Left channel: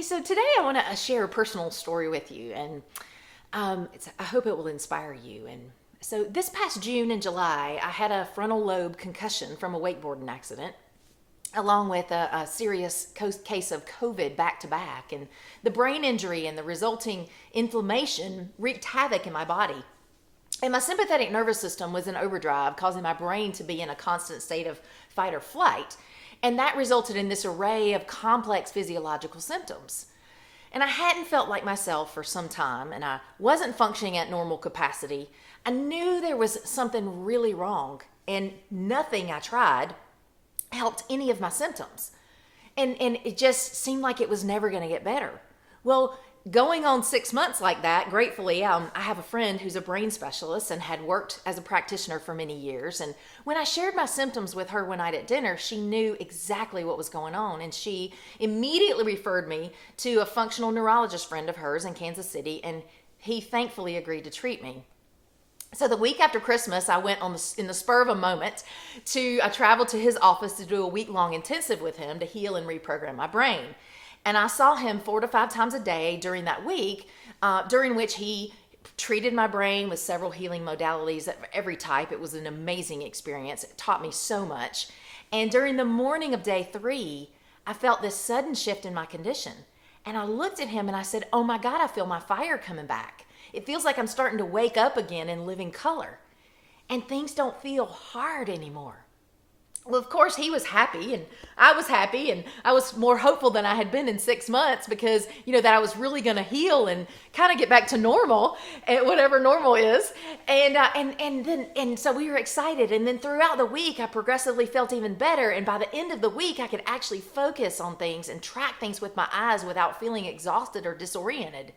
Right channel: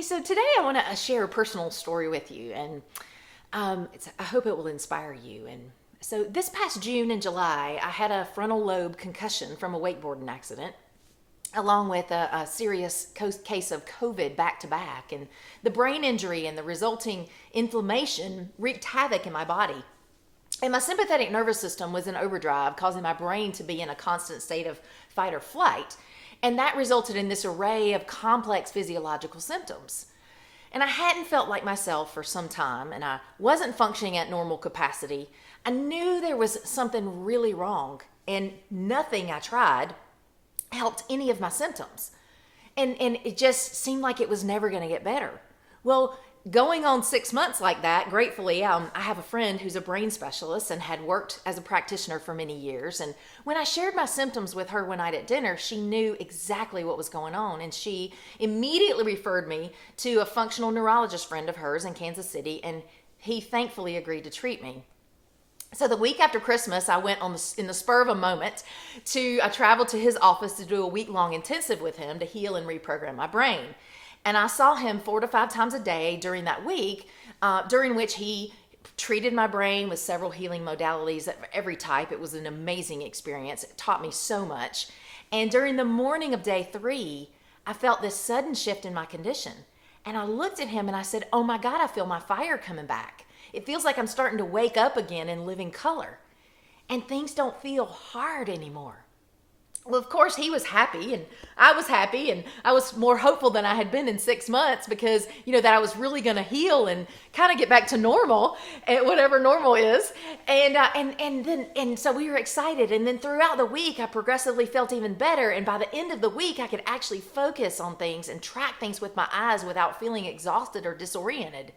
Hey, so today I want to share a personal story with you, and I hope it will inspire you. And so, this past June and July, I had a frontal lobe concussion from a wakeboarding accident, along with a serious case of COVID back to back. And the brain injury and the resulting inflammation wreaked havoc in my body. And my sympathetic nervous system was in overdrive, causing my brain to be in a constant state of fight or flight. And that resulted in this array of complex physiological symptoms. And I hadn't felt like myself for some time, and I wasn't functioning at normal capacity. I knew there was something really wrong, and nothing I tried helped any of my symptoms. And it just seemed like it was never going to get better. Well, going on 6 months like that, gratefully, I have a friend who's a brain specialist and had worked as a practitioner for many years. And when I shared my symptoms with her one night at dinner, she knew exactly what was going on. And she immediately referred me to a functional neurologist friend of hers in Kansas City, and he thankfully agreed to treat me. So the week after Christmas, I went in the spur of a moment I traveled to his office to do a week-long intensive with him to heal and reprogram my brain. And I saw him 4 to 5 times a day during that week, during which he treated my brain with several healing modalities of every type. It was an amazing experience. It taught me so much. And during the morning of day 3, I felt this sudden shift in my condition. And I looked at him and I said, "Oh my God, I feel my fire coming back. It feels like I'm starting to wake up again in living color. And things don't feel hard anymore." Well, of course, he was happy, and I was happy, and I was more hopeful than I had been in 6 months because, that I was really going to heal and kind of get back to normal, whatever normal is. And so we were excited. And then throughout the week, I progressively felt even better. And by the end of the week, I could actually focus on things and track things with my eyes without feeling exhausted or disoriented.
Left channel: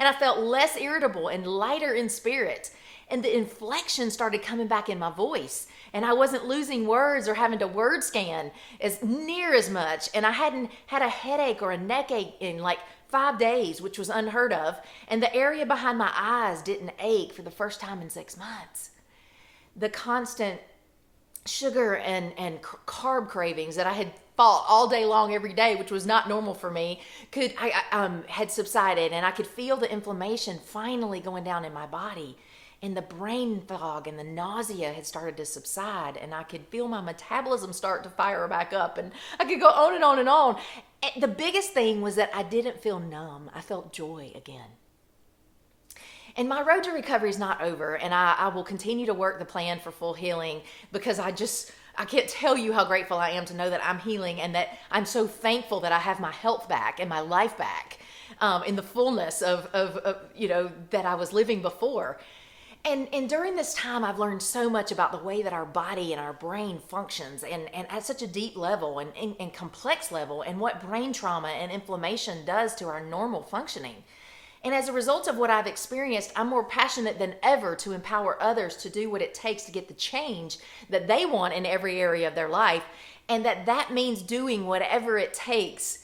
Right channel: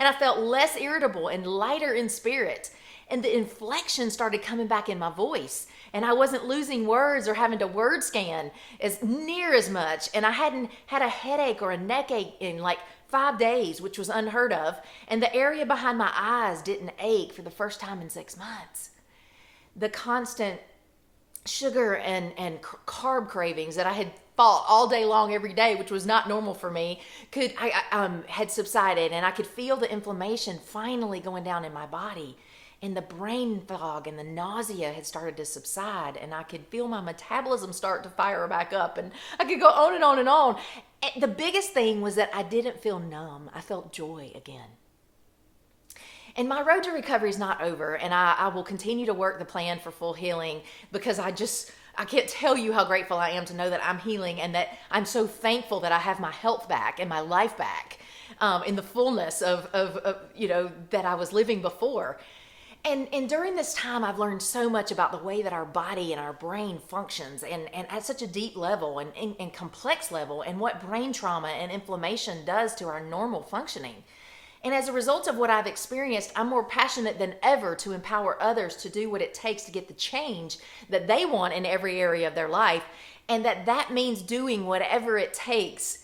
And I felt less irritable and lighter in spirit. And the inflection started coming back in my voice. And I wasn't losing words or having to word scan near as much. And I hadn't had a headache or a neck ache in like 5 days, which was unheard of. And the area behind my eyes didn't ache for the first time in 6 months. The constant sugar and carb cravings that I had fought all day long every day, which was not normal for me, had subsided. And I could feel the inflammation finally going down in my body. And the brain fog and the nausea had started to subside, and I could feel my metabolism start to fire back up, and I could go on and on and on. And the biggest thing was that I didn't feel numb. I felt joy again. And my road to recovery is not over, and I will continue to work the plan for full healing because I can't tell you how grateful I am to know that I'm healing and that I'm so thankful that I have my health back and my life back in the fullness of that I was living before. And during this time, I've learned so much about the way that our body and our brain functions and at such a deep level and complex level, and what brain trauma and inflammation does to our normal functioning. And as a result of what I've experienced, I'm more passionate than ever to empower others to do what it takes to get the change that they want in every area of their life, and that means doing whatever it takes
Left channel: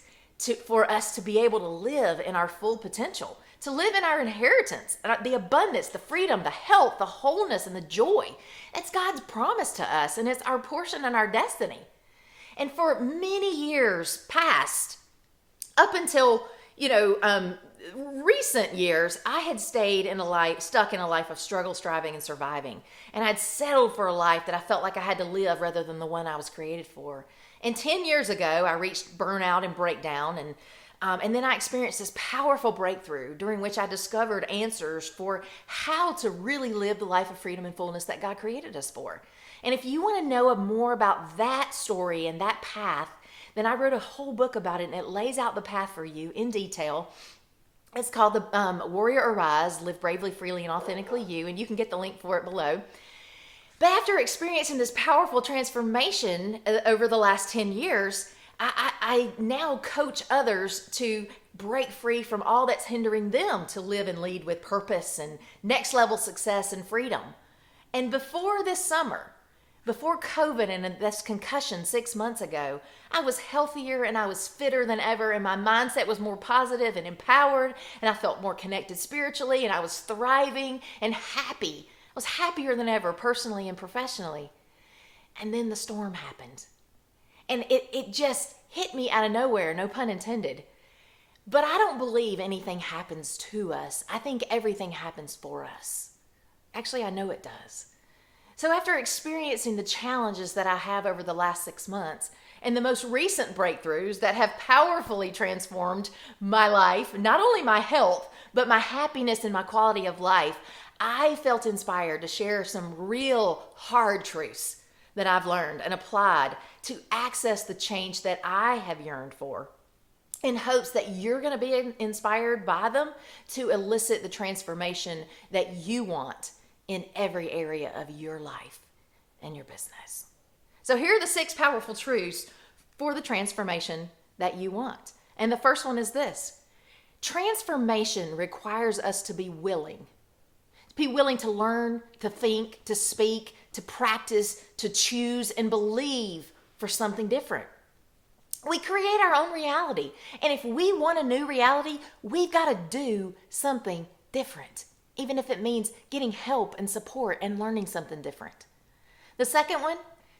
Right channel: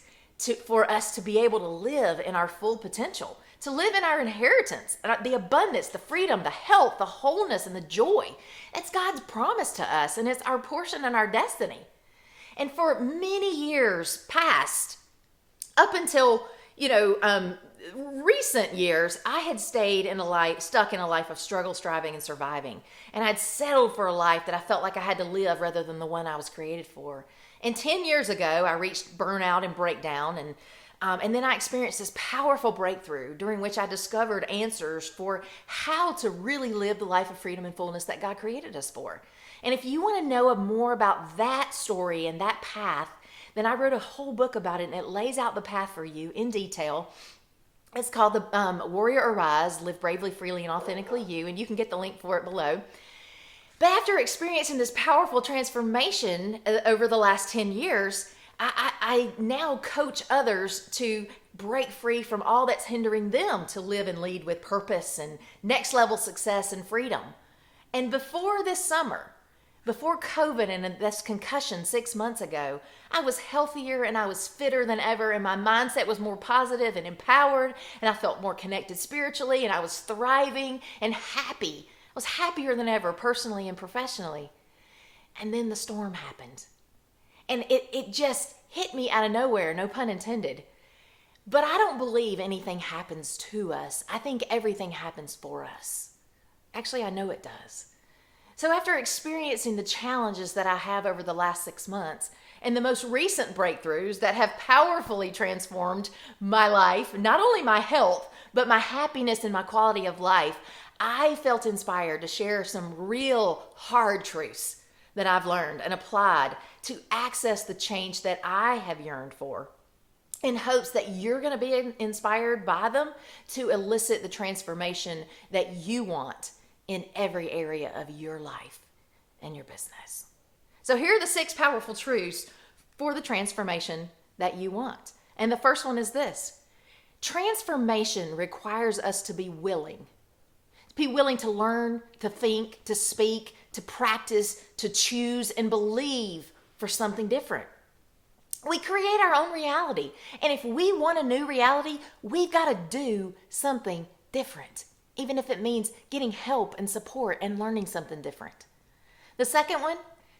for us to be able to live in our full potential. To live in our inheritance, the abundance, the freedom, the health, the wholeness, and the joy. It's God's promise to us, and it's our portion and our destiny. And for many years past, up until, recent years, I had stuck in a life of struggle, striving, and surviving. And I'd settled for a life that I felt like I had to live rather than the one I was created for. And 10 years ago, I reached burnout and breakdown, and then I experienced this powerful breakthrough during which I discovered answers for how to really live the life of freedom and fullness that God created us for. And if you want to know more about that story and that path, then I wrote a whole book about it, and it lays out the path for you in detail. It's called The Warrior Arise, Live Bravely, Freely, and Authentically You, and you can get the link for it below. But after experiencing this powerful transformation over the last 10 years, I now coach others to break free from all that's hindering them to live and lead with purpose and next level success and freedom. And before this summer, before COVID and this concussion 6 months ago, I was healthier and I was fitter than ever, and my mindset was more positive and empowered, and I felt more connected spiritually, and I was thriving and happy. I was happier than ever, personally and professionally. And then the storm happened. And it just hit me out of nowhere, no pun intended. But I don't believe anything happens to us. I think everything happens for us. Actually, I know it does. So after experiencing the challenges that I have over the last 6 months and the most recent breakthroughs that have powerfully transformed my life, not only my health, but my happiness and my quality of life, I felt inspired to share some real hard truths that I've learned and applied to access the change that I have yearned for, in hopes that you're going to be inspired by them to elicit the transformation that you want in every area of your life and your business. So here are the 6 powerful truths for the transformation that you want. And the first one is this: transformation requires us to be willing. To be willing to learn, to think, to speak, to practice, to choose, and believe for something different. We create our own reality. And if we want a new reality, we've got to do something different, even if it means getting help and support and learning something different. The second one,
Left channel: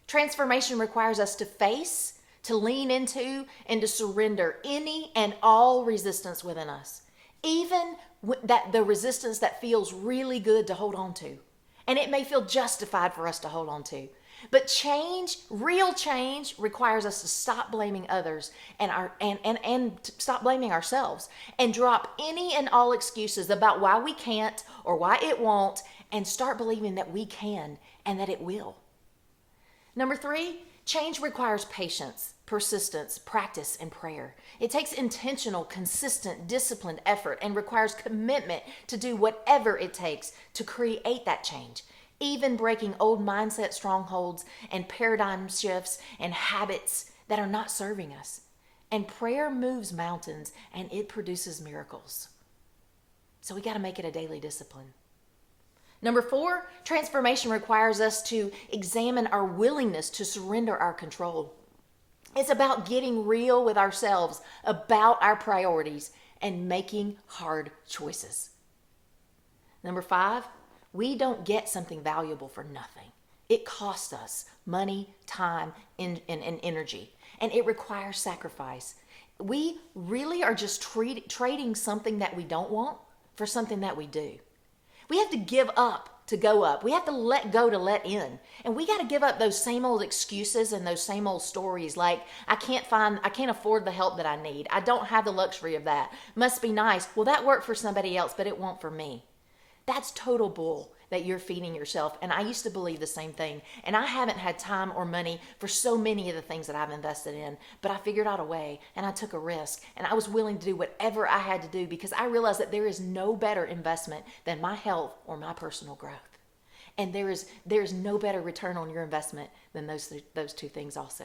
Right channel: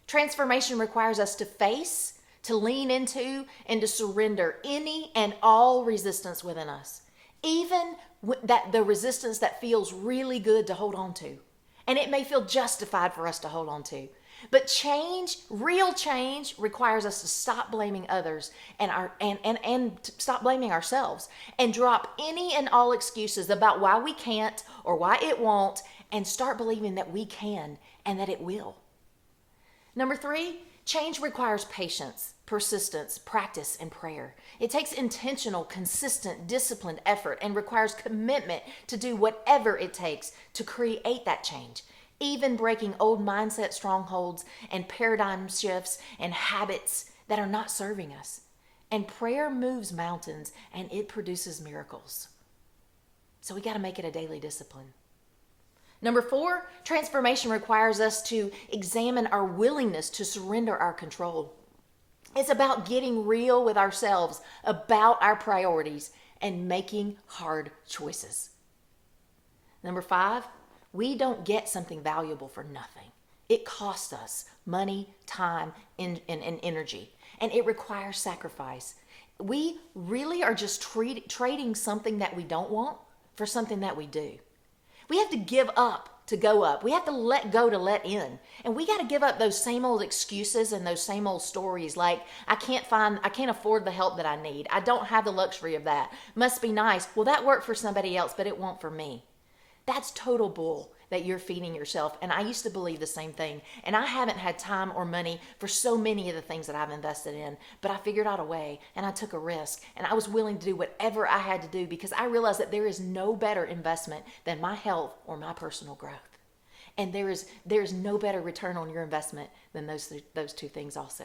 transformation requires us to face, to lean into, and to surrender any and all resistance within us, even that the resistance that feels really good to hold on to. And it may feel justified for us to hold on to. But change, real change, requires us to stop blaming others and to stop blaming ourselves and drop any and all excuses about why we can't or why it won't, and start believing that we can and that it will. Number 3, change requires patience, persistence, practice, and prayer. It takes intentional, consistent, disciplined effort and requires commitment to do whatever it takes to create that change, even breaking old mindset strongholds and paradigm shifts and habits that are not serving us. And prayer moves mountains and it produces miracles. So we got to make it a daily discipline. Number 4, transformation requires us to examine our willingness to surrender our control. It's about getting real with ourselves about our priorities and making hard choices. Number 5, we don't get something valuable for nothing. It costs us money, time, and energy, and it requires sacrifice. We really are just trading something that we don't want for something that we do. We have to give up to go up. We have to let go to let in. And we got to give up those same old excuses and those same old stories like, I can't afford the help that I need. I don't have the luxury of that. Must be nice. Well, that worked for somebody else, but it won't for me. That's total bull that you're feeding yourself. And I used to believe the same thing. And I haven't had time or money for so many of the things that I've invested in. But I figured out a way, and I took a risk, and I was willing to do whatever I had to do because I realized that there is no better investment than my health or my personal growth. And there is no better return on your investment than those 2 things also.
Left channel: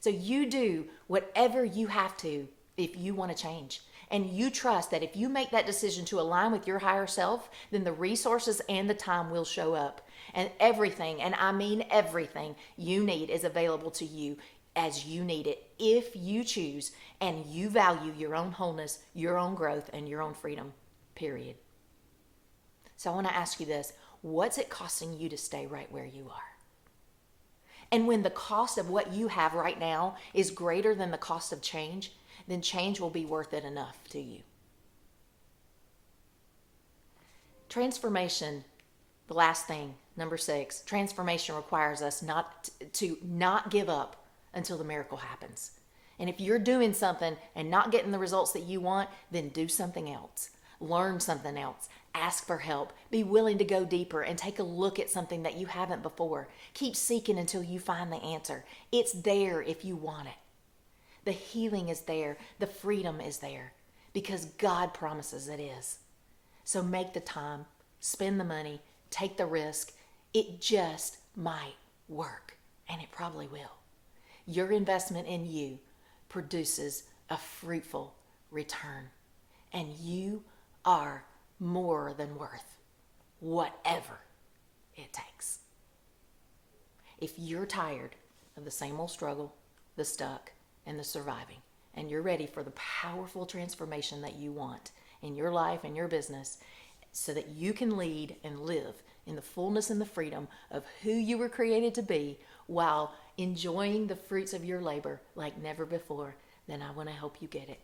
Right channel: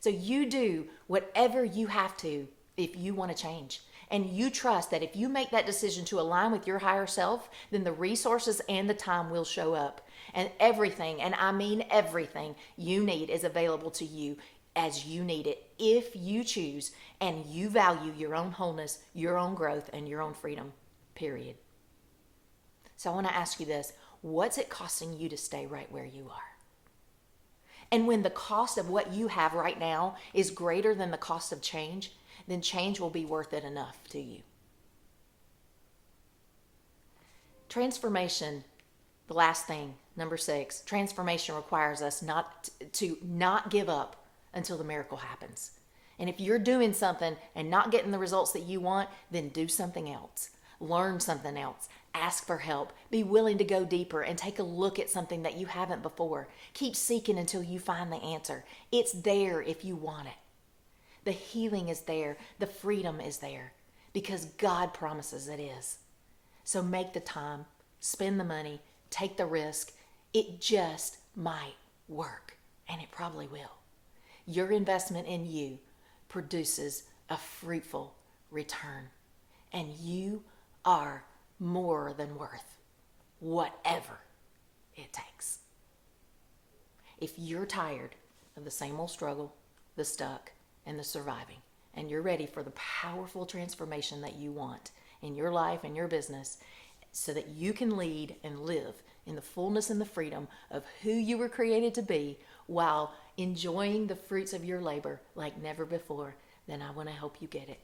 So you do whatever you have to if you want to change. And you trust that if you make that decision to align with your higher self, then the resources and the time will show up. And everything, and I mean everything you need is available to you as you need it if you choose and you value your own wholeness, your own growth, and your own freedom, period. So I want to ask you this. What's it costing you to stay right where you are? And when the cost of what you have right now is greater than the cost of change, then change will be worth it enough to you. Transformation, the last thing, number 6, transformation requires us to not give up until the miracle happens. And if you're doing something and not getting the results that you want, then do something else. Learn something else. Ask for help. Be willing to go deeper and take a look at something that you haven't before. Keep seeking until you find the answer. It's there if you want it. The healing is there. The freedom is there because God promises it is. So make the time, spend the money, take the risk. It just might work, and it probably will. Your investment in you produces a fruitful return, and you are more than worth whatever it takes. If you're tired of the same old struggle, the stuck, and the surviving, and you're ready for the powerful transformation that you want in your life and your business so that you can lead and live in the fullness and the freedom of who you were created to be while enjoying the fruits of your labor like never before, then I want to help you get it.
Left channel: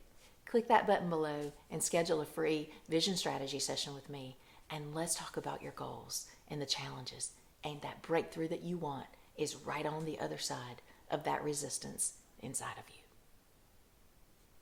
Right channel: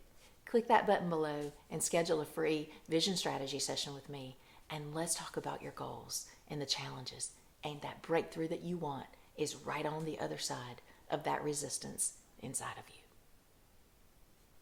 click that button below and schedule a free vision strategy session with me. And let's talk about your goals and the challenges. And that breakthrough that you want is right on the other side of that resistance inside of you.